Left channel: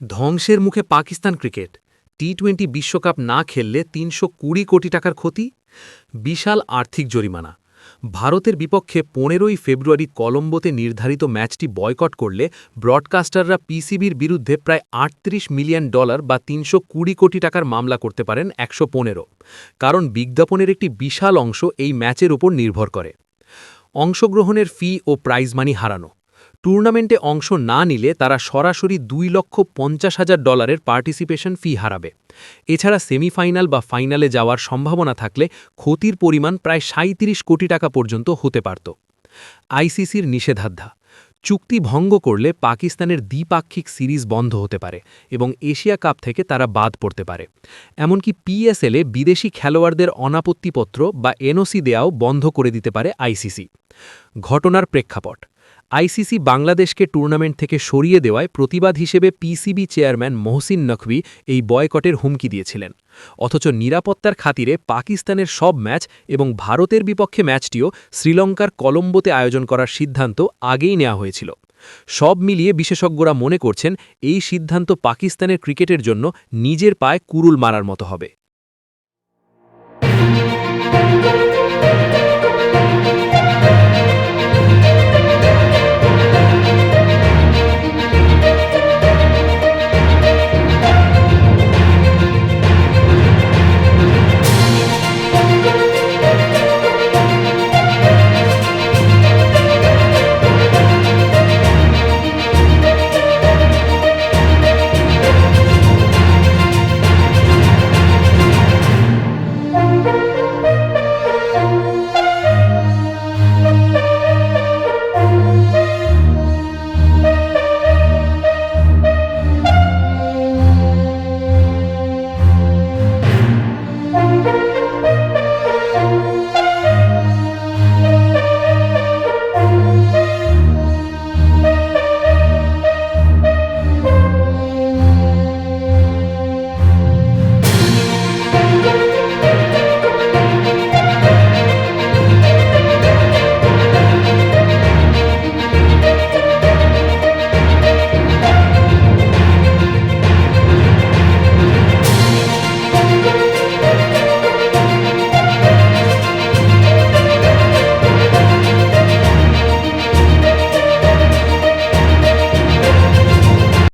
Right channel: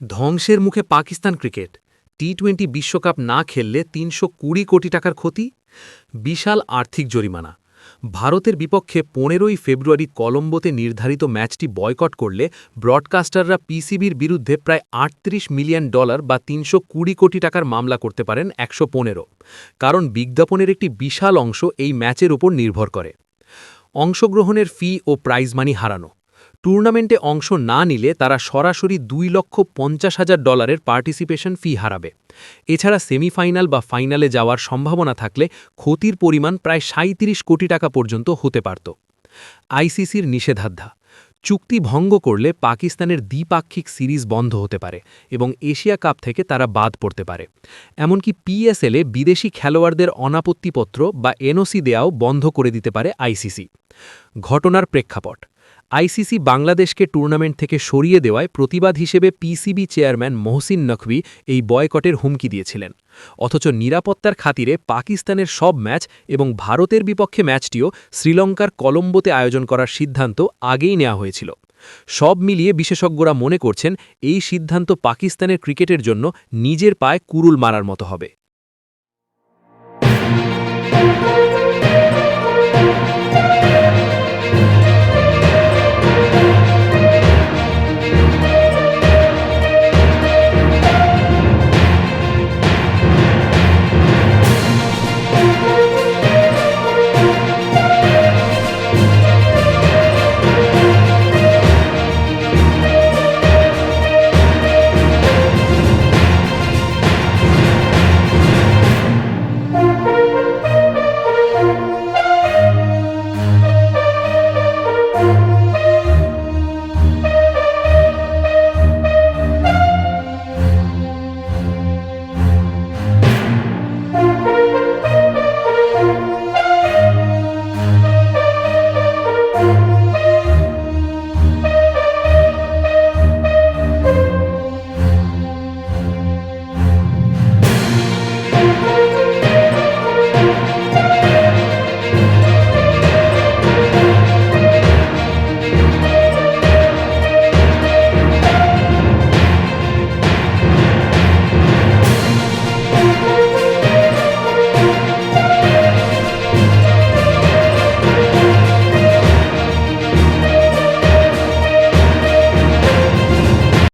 ধ্বংসের মুখে পাকিস্তান ক্রিকেট। টি-20 বিশ্বকাপ না খেললে ৩২০ কোটি টাকার ক্ষতি, বিশাল আর্থিক জরিমানা। ভারতের বিপক্ষে ১৫ই ফেব্রুয়ারি কলম্বোতে নির্ধারিত ম্যাচটি বয়কট করলে ব্রডকাস্টাররা পিসিবির বিরুদ্ধে প্রায় $৩৮ মিলিয়ন বা ৩২০ কোটি টাকার মামলা করতে পারেন ১১৫। কারণ বিজ্ঞাপনের একটি বিশাল অংশ এই ম্যাচের উপর নির্ভর করে। অংশগ্রহণের ফি ও প্রাইজ মানি হারানো। টুর্নামেন্টে অংশ না নিলে তারা সরাসরি $২,৫০,০০০ পার্টিসিপেশন ফি হারাবে। এছাড়া সেমিফাইনাল বা ফাইনালে যাওয়ার সম্ভাবনা থাকলে ক্ষতির পরিমাণ প্রায় ৩৭ কোটি টাকা পর্যন্ত হতে পারত। আইসিসির নিষেধাজ্ঞা। চুক্তি ভঙ্গ করলে পাকিস্তানের দ্বিপাক্ষিক সিরিজ বন্ধ হতে পারে এবং এশিয়া কাপ থেকে তারা বাদ পড়তে পারে। এমনকি পিএসএলে বিদেশি খেলোয়াড়দের অনাপত্তিপত্র বা এনওসি দেয়াও বন্ধ করে দিতে পারে আইসিসি। ঘটনার প্রেক্ষাপট। আইসিসি বাংলাদেশকে টুর্নামেন্ট থেকে সরিয়ে দেওয়ায় প্রতিবাদ হিসেবে পিসিবি চেয়ারম্যান মহসিন নকভি এই বয়কটের হুমকি দিয়েছিলেন। অথচ নিরাপত্তার খাতিরে পাকিস্তানের সব ম্যাচ এবং ভারতের বিপক্ষে ম্যাচটিও শ্রীলঙ্কার কলম্বোতে আয়োজন করার সিদ্ধান্ত আগেই নেওয়া হয়েছিল। সব মিলিয়ে বিশেষজ্ঞরা মনে করছেন এই সিদ্ধান্ত পাকিস্তানের ক্রিকেটের জন্য নিজের পায়ে কুড়ুল মারার মতো হবে।